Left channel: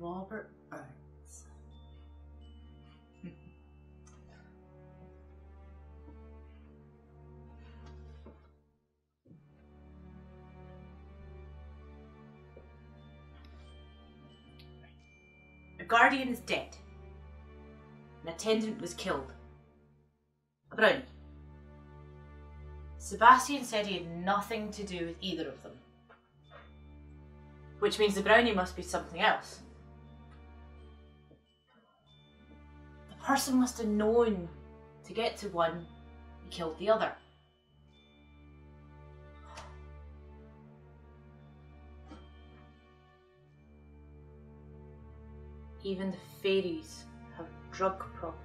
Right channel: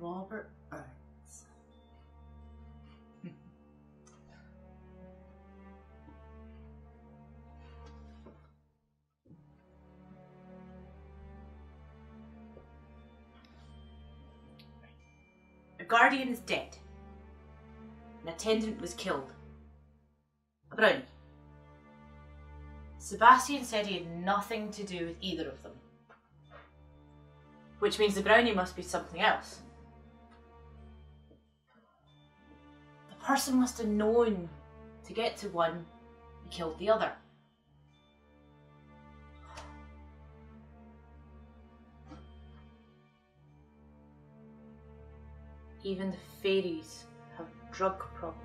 Robert Burns. A guardian is dead. An attendant was killed. A brownie. Sebastian said he had nothing to do with either of them. Which means the brownie must be something else. The person must have known to get to one, he killed the other. Even the fairies have drug problems.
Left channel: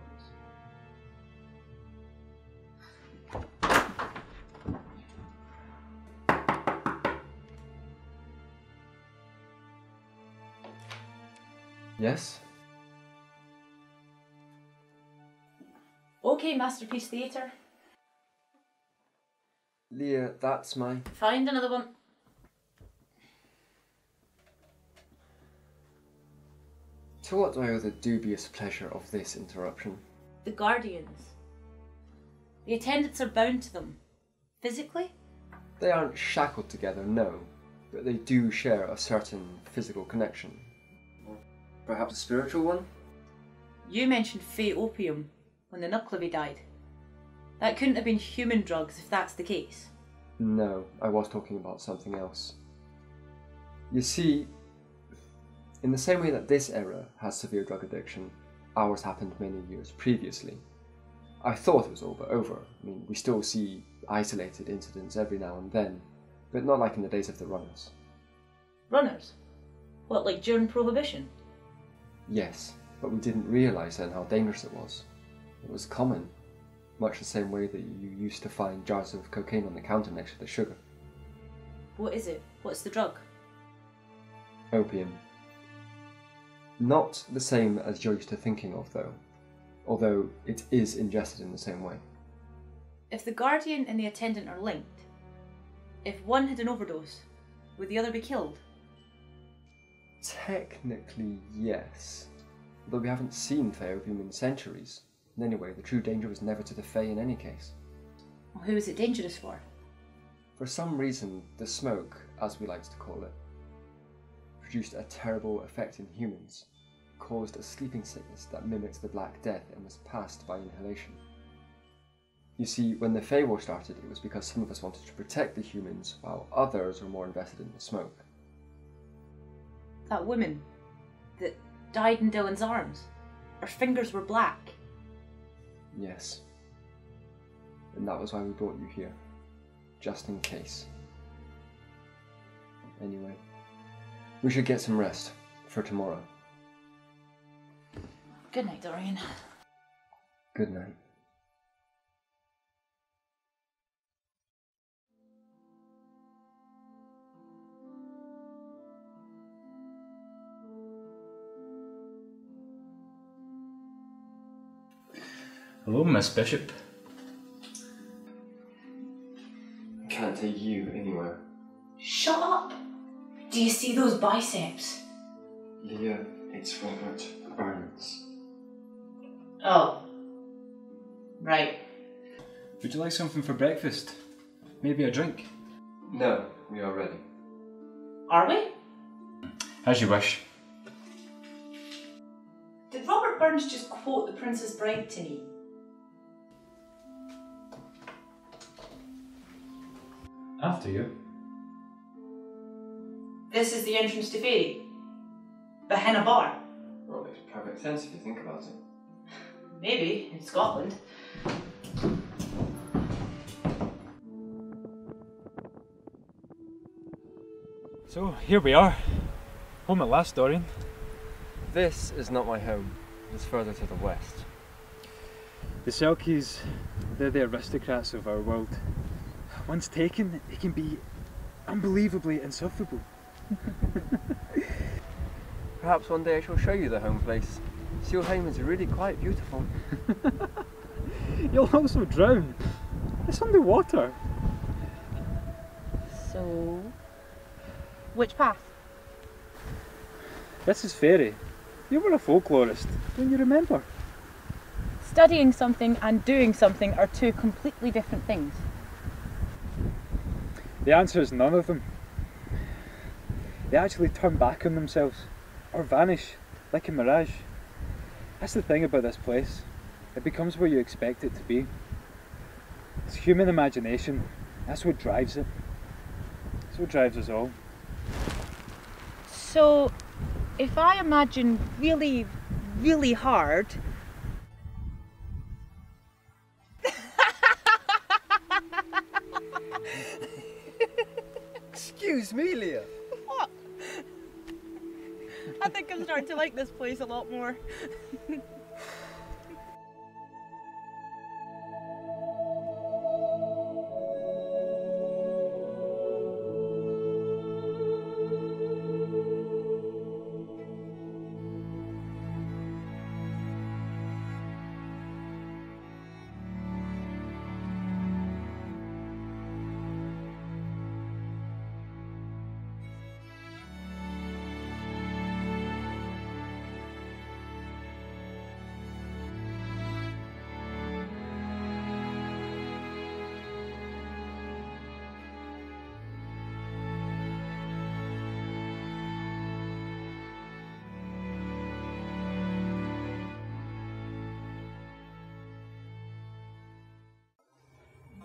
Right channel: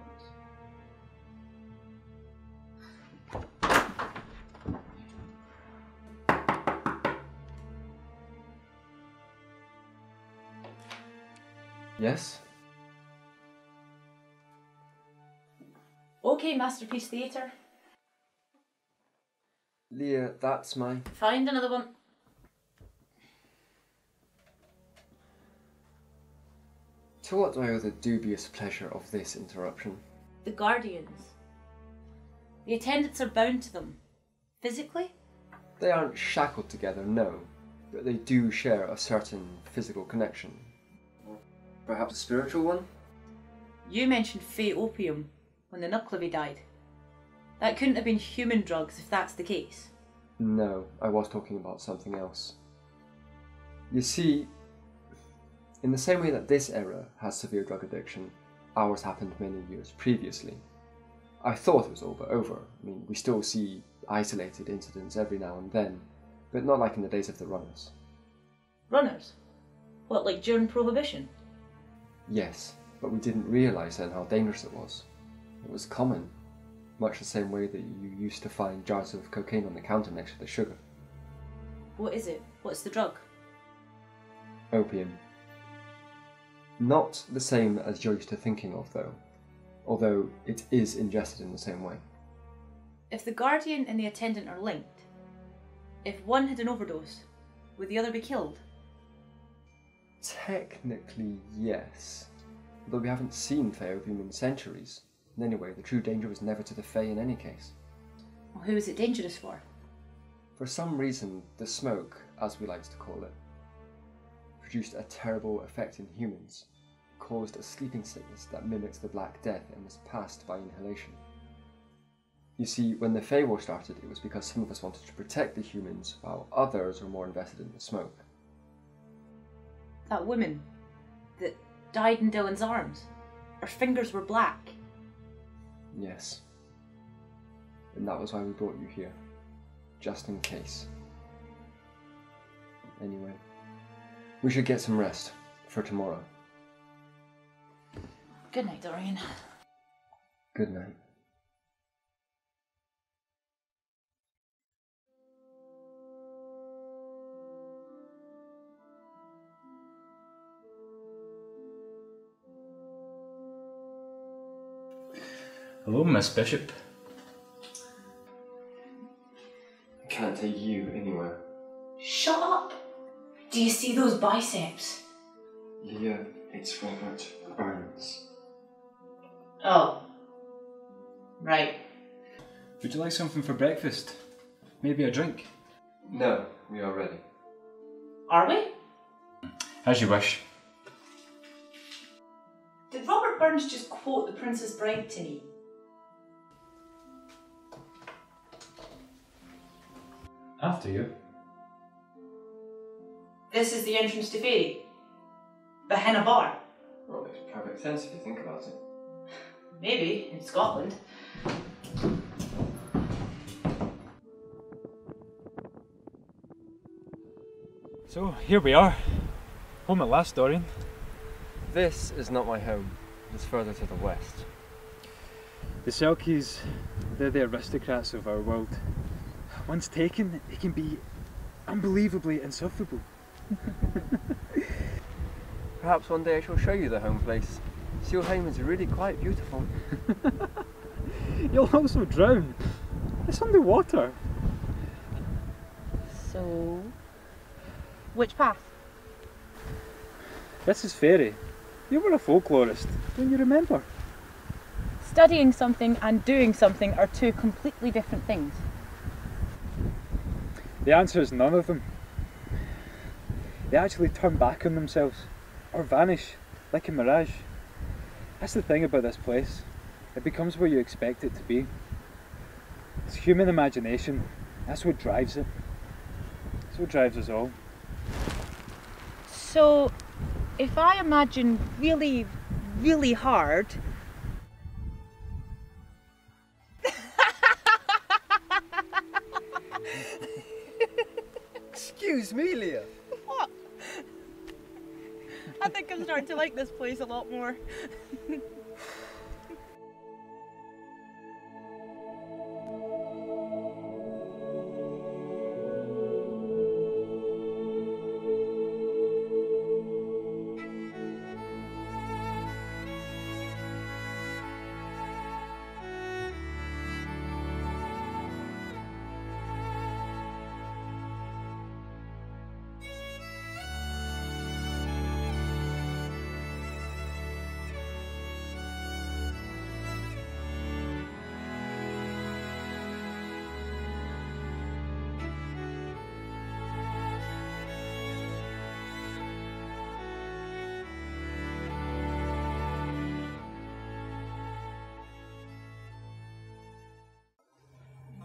Yes? Okay, Masterpiece Theatre. Leah, that's my... Find another one. To what do I owe the dubious pleasure of this interruption? The guardians. The attendants are bound to them. Physically? They aren't shackled together, no, but they do share a certain physical connection. Or perhaps a spiritual one? You mentioned Fey opium when the Nuclevi died. That couldn't have been human drugs if that's the case. No, I was talking about something else. You see, in the same way that this era has severe drug addiction, ours happened many years previously. I thought it was all but over. I mean, we still see isolated incidents every now and then, but not like in the days of the runners. Runners? What, like during Prohibition? Yes, but we didn't realise then how dangerous it was. It was common, much the same way that you used to find jars of cocaine on the counter next to the sugar. What is it? What's the drug? Opium. Not the same as you're used to thinking of, though, although it is ingested in the same way. If the guardian and the attendant are linked, if one had an overdose, would the other be killed? Technically, yes. Though we haven't seen Fey opium in centuries. And anyway, the true danger was never to the Fey in any case. Well, who is it dangerous for? For some reason, the smoke, as we like to call it, produced a terrible effect in humans, caused a sleeping sickness that mimics the Black Death and was passed by inhalation. You see, when the Fey War started, it was because some of us wanted to protect the humans, while others were more invested in the smoke. That woman that died in Dylan's arms, her fingers were black. Yes. And that was why we brought you here. Just in case. Anyway, we should get some rest for tomorrow. Good night, Dorian. Good night. Hello, Miss Bishop. I can't take you anywhere. Shut up! Do you see those biceps? Leah, it's Robert Burns. Oh. Right. Would you like something for breakfast? Maybe a drink? No, we are ready. Are we? As you wish. Did Robert Burns just quote The Princess Bride to me? After you. This is the entrance to Fairy. Behind a bar. Well, it makes perfect sense if you think about it. Maybe, in Scotland. So, here we are. Home at last, Dorian. This is not my home. It's further to the west. The Selkies, they're the aristocrats of our world. Once taken, they can be unbelievably insufferable. Perhaps one day I shall show you the home place. Sealheim is really quite beautiful. You'll also drown. It's underwater. So, which path? This is fairy. You were a folklorist, don't you remember? Studying something and doing something are two completely different things. The answer is none of them. They actually turn back on themselves, or vanish, like a mirage. That's the thing about this place. It becomes where you expect it to be. It's human imagination. That's what drives it. That's what drives us all. So, if I imagine really, really hard... Excuse me, Leah. What? I think I'm starting to like this place a lot more.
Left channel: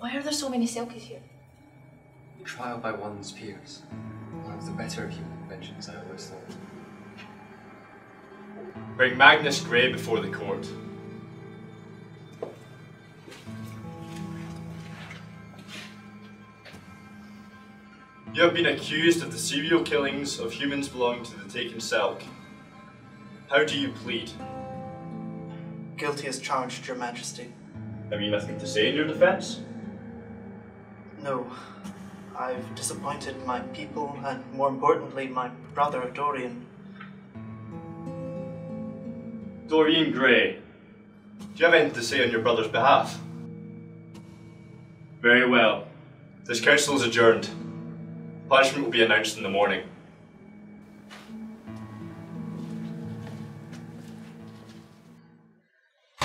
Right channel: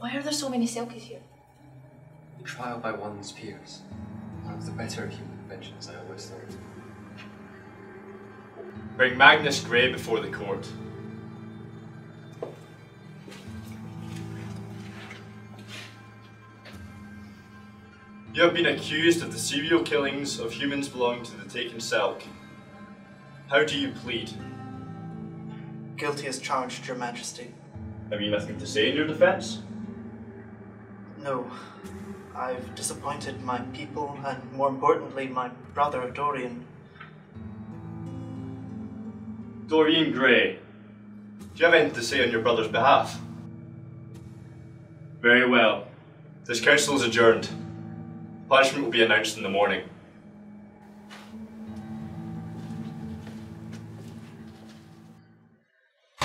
Why are there so many Selkies here? Trial by one's peers. One of the better human inventions, I always thought. Bring Magnus Grey before the court. You have been accused of the serial killings of humans belonging to the Taken Selk. How do you plead? Guilty as charged, Your Majesty. Have you nothing to say in your defence? No. I've disappointed my people and, more importantly, my brother, Dorian. Dorian Gray, do you have anything to say on your brother's behalf? Very well. This council is adjourned. Punishment will be announced in the morning.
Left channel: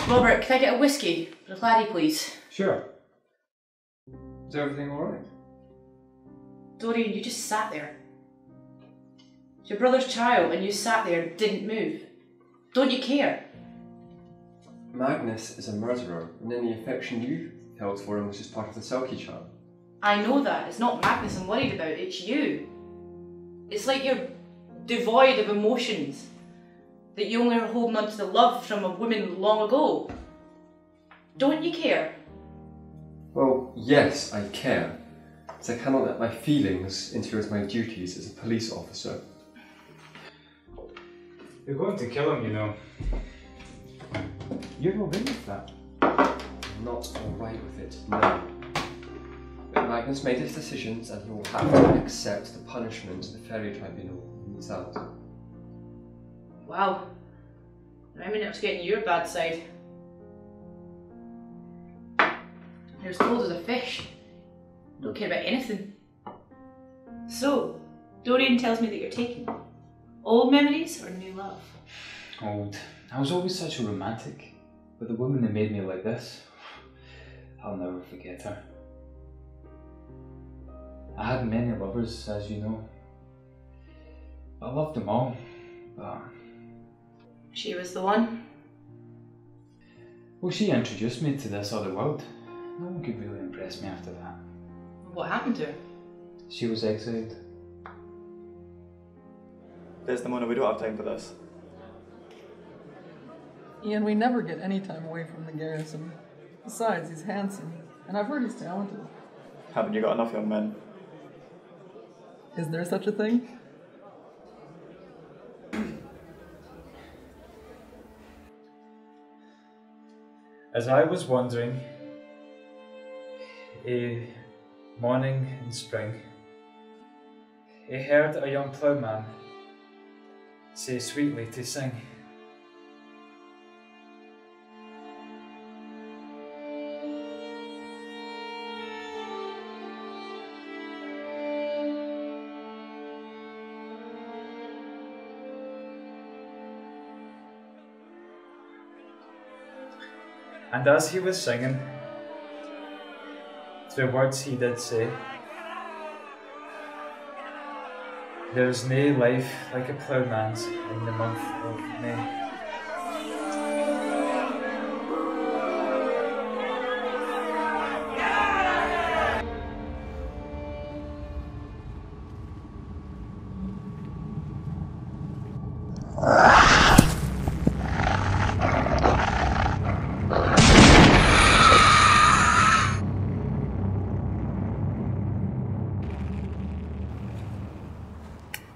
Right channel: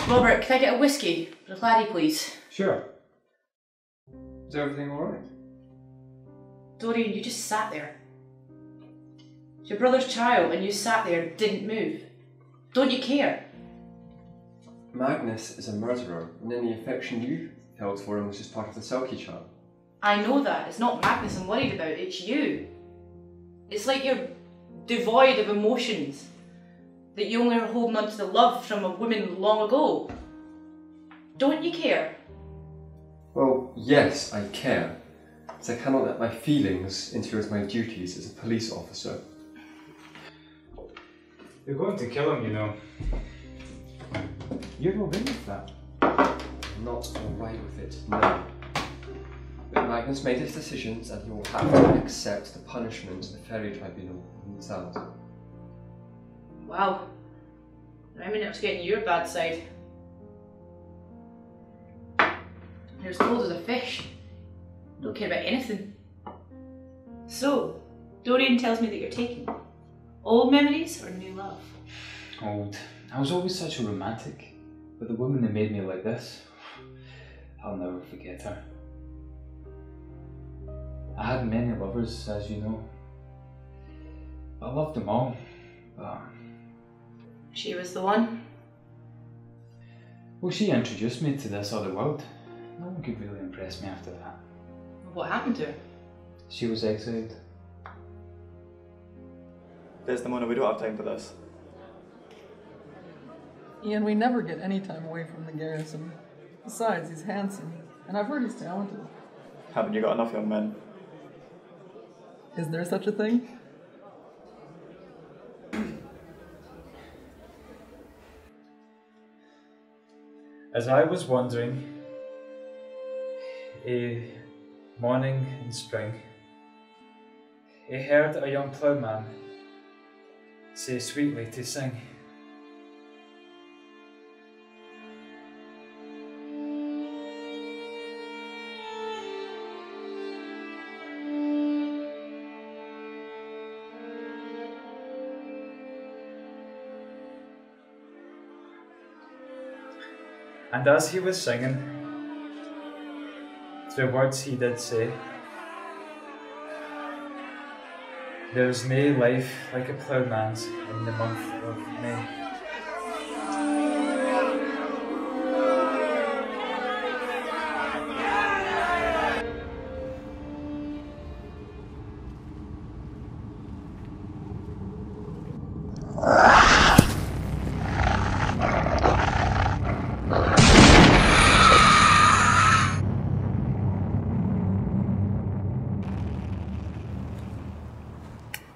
Robert, can I get a whiskey for the laddie, please? Sure. Is everything alright? Dorian, you just sat there. It's your brother's child and you sat there and didn't move. Don't you care? Magnus is a murderer, and any affection you held for him was just part of the Selkie charm. I know that. It's not Magnus I'm worried about, it's you. It's like you're devoid of emotions. That you only are holding on to the love from a woman long ago. Don't you care? Well, yes, I care. But I cannot let my feelings interfere with my duties as a police officer. You're going to kill him, you know. You're all right with that? I'm not alright with it, no. But Magnus made his decisions and he will have to accept the punishment the Fairy Tribunal metes out. Wow. I'm not getting your bad side. You're as cold as a fish. Don't care about anything. So, Dorian tells me that you're taking old memories or new love? Old. I was always such a romantic, but the woman that made me like this, I'll never forget her. I had many lovers, as you know. I loved them all, but... She was the one? Well, she introduced me to this other world. No one could really impress me after that. What happened to her? She was exiled. Desdemona, we don't have time for this. Ian, we never get any time away from the garrison. Besides, he's handsome, and I've heard he's talented. Haven't you got enough young men? Is there such a thing? As I was wandering, a morning in spring, I heard a young ploughman say sweetly to sing. And as he was singing, the words he did say, "There's nae life like a ploughman's in the month of May."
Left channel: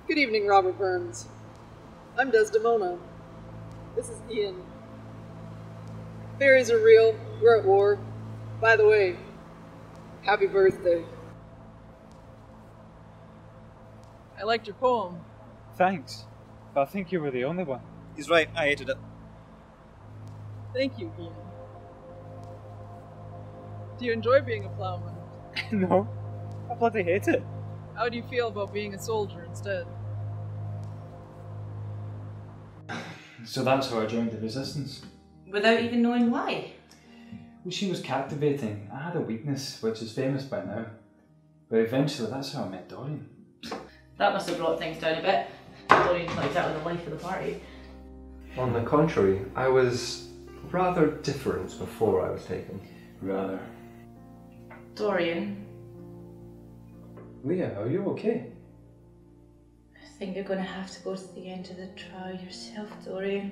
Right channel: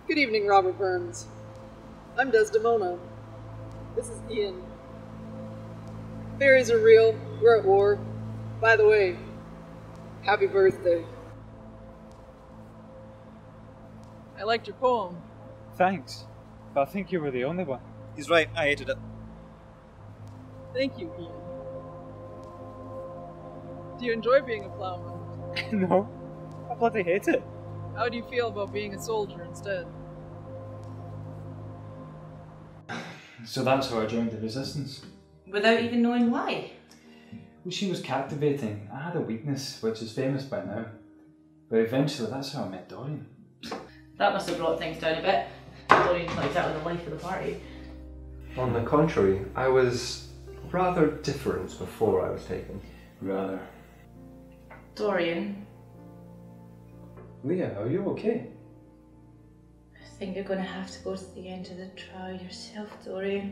Good evening, Robert Burns. I'm Desdemona. This is Ian. Fairies are real. We're at war. By the way, happy birthday. So that's how I joined the resistance. Without even knowing why. Well, she was captivating. I had a weakness, which is famous by now. But eventually, that's how I met Dorian. That must have brought things down a bit. Dorian's not exactly the life of the party. On the contrary, I was rather different before I was taken. Rather. Dorian, Leah, are you okay? I think you're going to have to go to the end of the trial yourself, Dorian.